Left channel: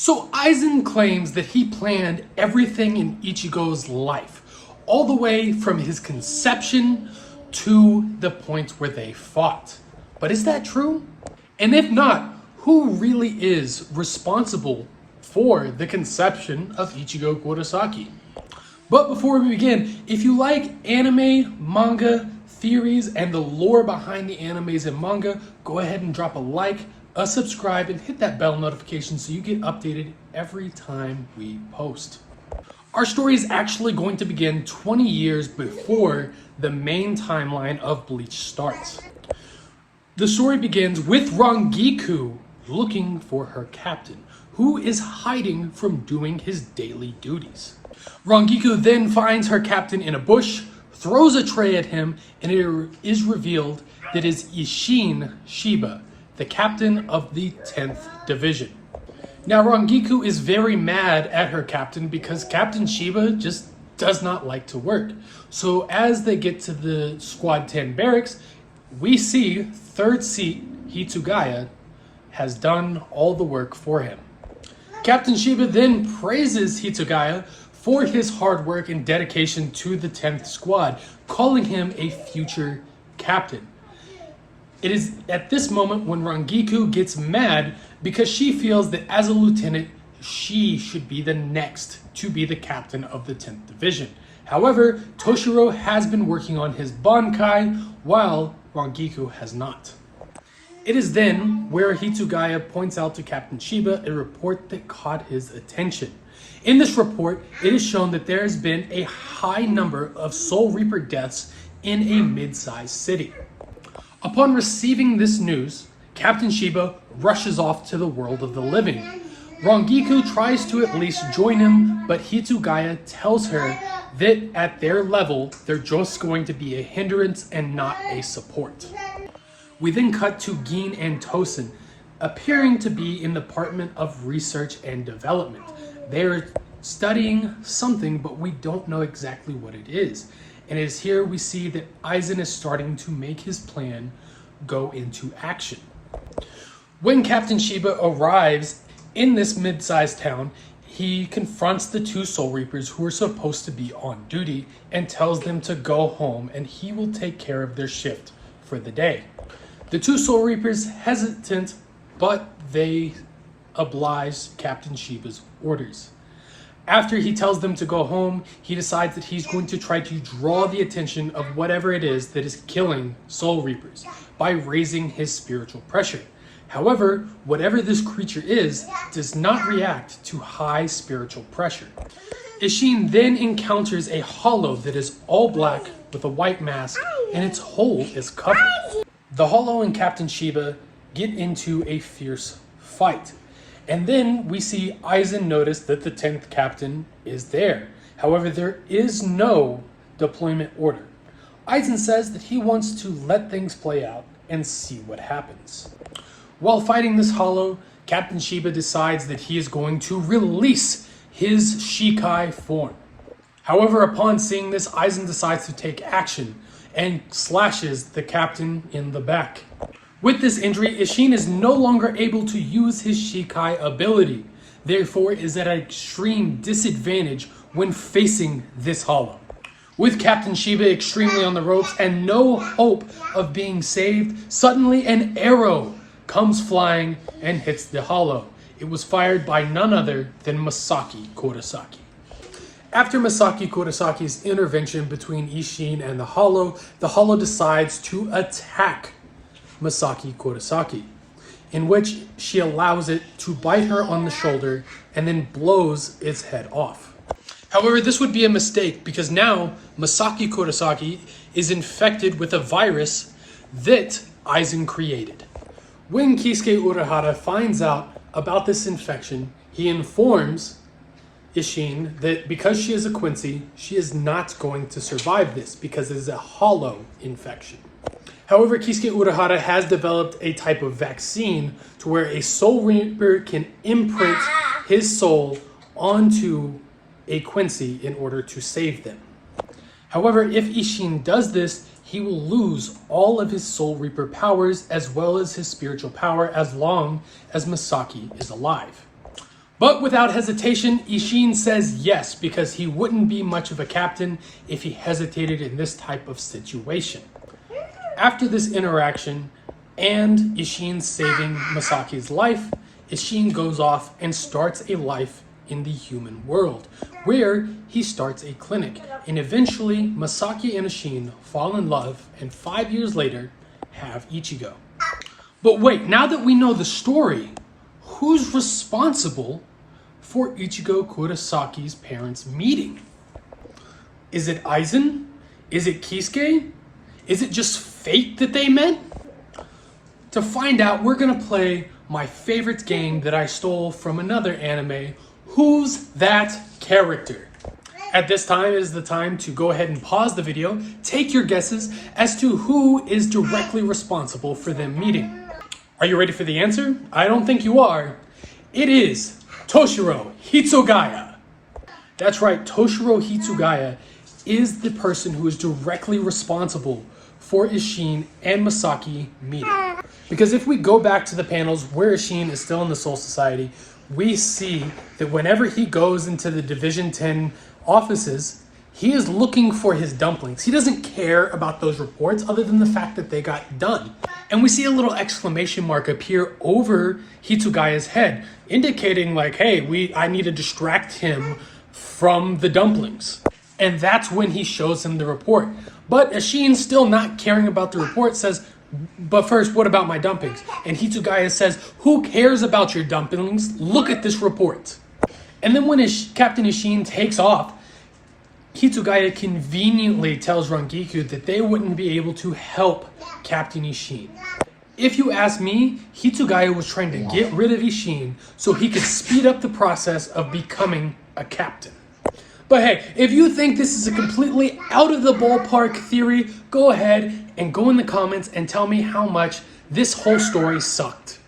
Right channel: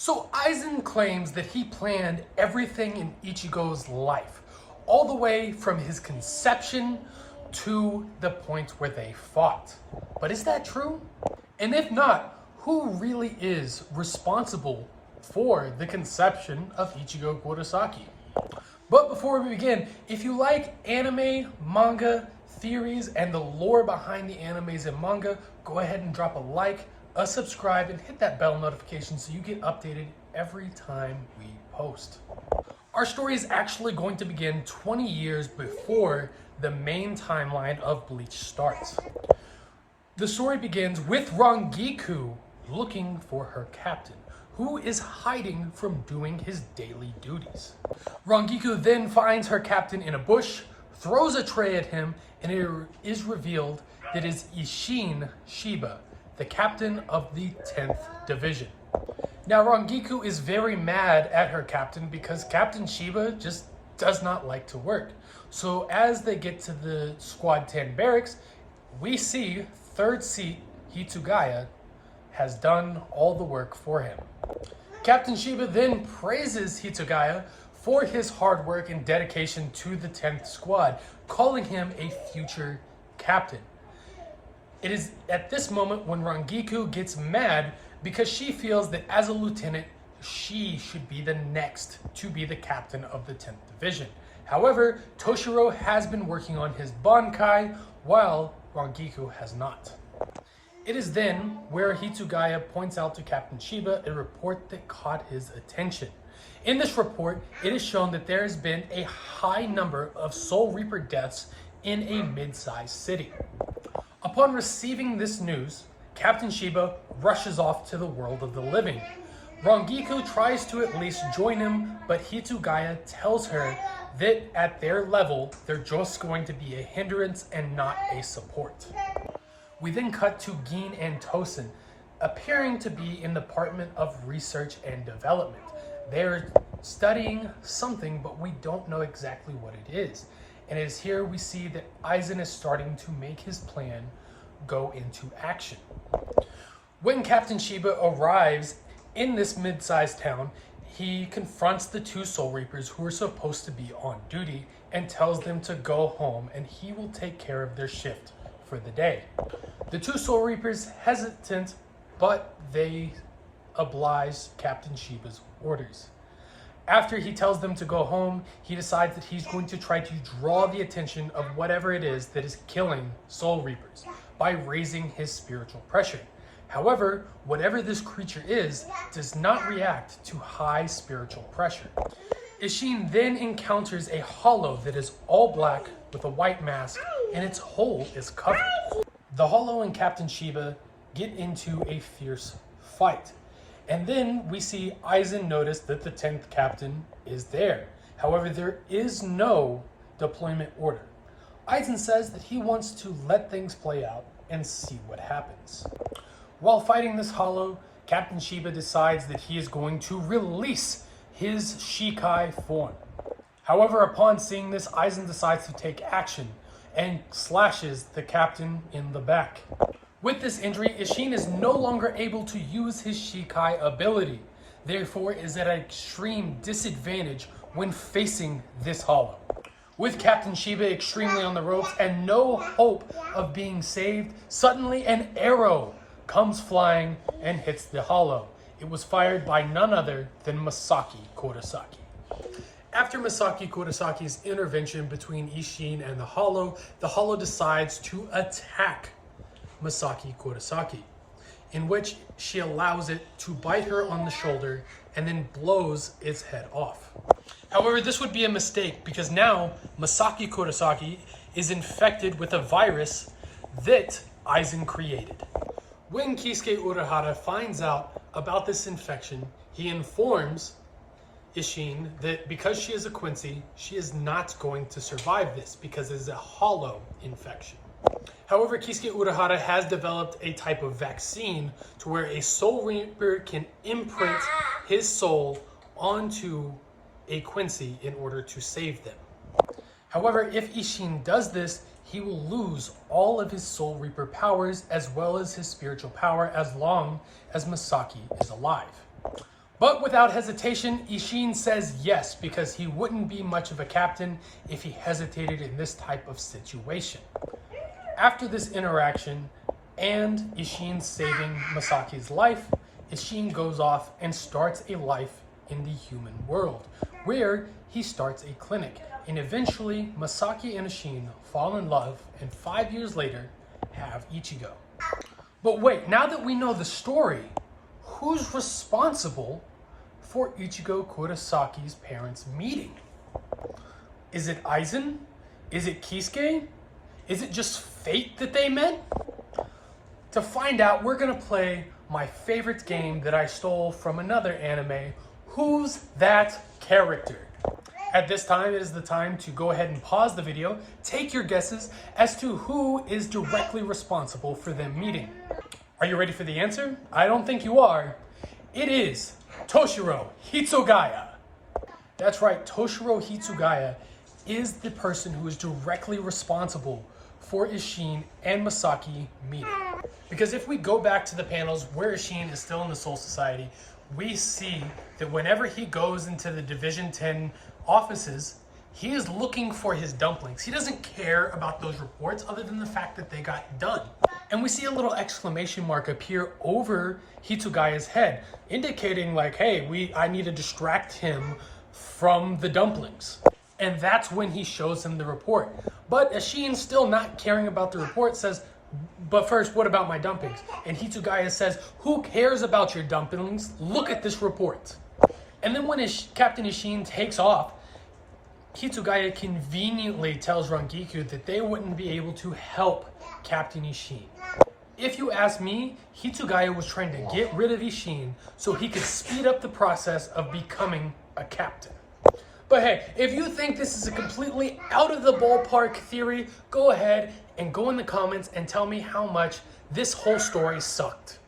So Aizen claims that he planned everything in Ichigo's life, all the way from his conception to the point where they fought. But is that true? And if not, who really is responsible for the conception of Ichigo Kurosaki? But before we begin, if you like anime, manga, theories, and the lore behind the animes and manga, go ahead and drop a like, a subscribe, and hit that bell notification so you get updated every time we post. Our story is actually going to begin 20 years before the main timeline of Bleach starts. The story begins with Rangiku looking for her captain, who is hiding from doing his daily duties. Rangiku then finds her captain in a bush, throws a tray at him, and it is revealed that it is Isshin Shiba, the captain of the 10th Division. Now Rangiku is very mad at her captain because Captain Shiba just does not like to work. So as they get to the Squad 10 barracks, we see third seat Hitsugaya has done all the work for him. Captain Shiba then praises Hitsugaya for his hard work and dedication to the 10th squad, calling him a future captain. It is at this moment when Rangiku gets mad because she feels that as a lieutenant, she should be the next to be the captain of the 10th Division. However, Toshiro has been working on his Bankai while Rangiku has not. It is then where Hitsugaya points out to Captain Shiba a report that caught his attention. In this report, it is shown that there has been a high number of Soul Reaper deaths in a mid-sized city. Upon receiving this news, Captain Shiba rushes off to the world of the living. Rangiku tries to at least join him, but Hitsugaya tells her that at their level, they're just going to be a hindrance and not a support. We then cut to Gin and Tosin, appearing to be in the Department of Research and Development. They're studying something, but we don't know exactly what it is. And it is here we see that Aizen is starting to make his plan go into action. When Captain Shiba arrives in this mid-sized town, he confronts the two Soul Reapers who are supposed to be on duty and tells them to go home and he will take care of their shift for the day. The two Soul Reapers hesitant, but they oblige Captain Shiba's orders. After he tells them to go home, he decides that he's going to try to draw the attention of whatever it is that is killing Soul Reapers by raising his spiritual pressure. However, whatever this creature is, does not react to high spiritual pressure. Isshin then encounters a hollow that is all black with a white mask and its hole is covered. The hollow and Captain Shiba get into a fierce fight. And then we see Aizen notice that the 10th captain is there. However, there is no deployment order. Aizen says that he wants to let things play out and see what happens. While fighting this hollow, Captain Shiba decides that he is going to release his Shikai form. However, upon seeing this, Aizen decides to take action and slashes the captain in the back. With this injury, Isshin is no longer able to use his Shikai ability, therefore is at an extreme disadvantage when facing this hollow. With Captain Shiba extremely on the ropes and no hope of being saved, suddenly an arrow comes flying and hits the hollow. It was fired by none other than Masaki Kurosaki. After Masaki Kurosaki's intervention between Isshin and the hollow decides to attack Masaki Kurosaki, in which she allows it to bite her on the shoulder and then blows its head off. However, this would be a mistake because now Masaki Kurosaki is infected with a virus that Aizen created. When Kisuke Urahara finds out about this infection, he informs Isshin that because she is a Quincy, she is not going to survive this because it is a hollow infection. However, Kisuke Urahara has developed a type of vaccine to where a Soul Reaper can imprint his soul onto a Quincy in order to save them. However, if Isshin does this, he will lose all of his Soul Reaper powers as well as his spiritual power as long as Masaki is alive. But without hesitation, Ishin says yes because he wouldn't be much of a captain if he hesitated in this type of situation. After this interaction and Ishin saving Masaki's life, Ishin goes off and starts a life in the human world, where he starts a clinic. And eventually, Masaki and Ishin fall in love and 5 years later have Ichigo. But wait, now that we know the story, who's responsible for Ichigo Kurasaki's parents meeting? Is it Aizen? Is it Kisuke? Is it just fate that they met? To find out, we're gonna play my favorite game that I stole from another anime, Who's That Character? At this time is the time to go ahead and pause the video, take your guesses as to who is directly responsible for them meeting. Are you ready for the answer? I don't think you are. It is Toshiro Hitsugaya. That's right, Toshiro Hitsugaya is the person who is directly responsible for Ishin and Masaki meeting. Because if we go back to the panels where Ishin is still in the Soul Society, we see that whenever he goes into the Division 10 offices, he is looking for his dumplings. He doesn't care about those reports other than the fact that they got done. And we see a little exclamation mark appear over Hitsugaya's head, indicating like, hey, I need to distract him from the dumplings. And that's when he shows him the report. But Ishin, still not caring about the report, says, but first, what about my dumplings? And Hitsugaya says, who cares about your dumplings? Look at this report. And then when Captain Ishin takes off, Hitsugaya conveniently tells Rangiku that they wouldn't be able to help Captain Ishin. If you ask me, Hitsugaya was trying to get rid of Ishin so he could speed up the process of becoming a captain. But hey, if you think this is a completely out of the ballpark theory, go ahead and go in the comments and tell me how much this whole story sucked.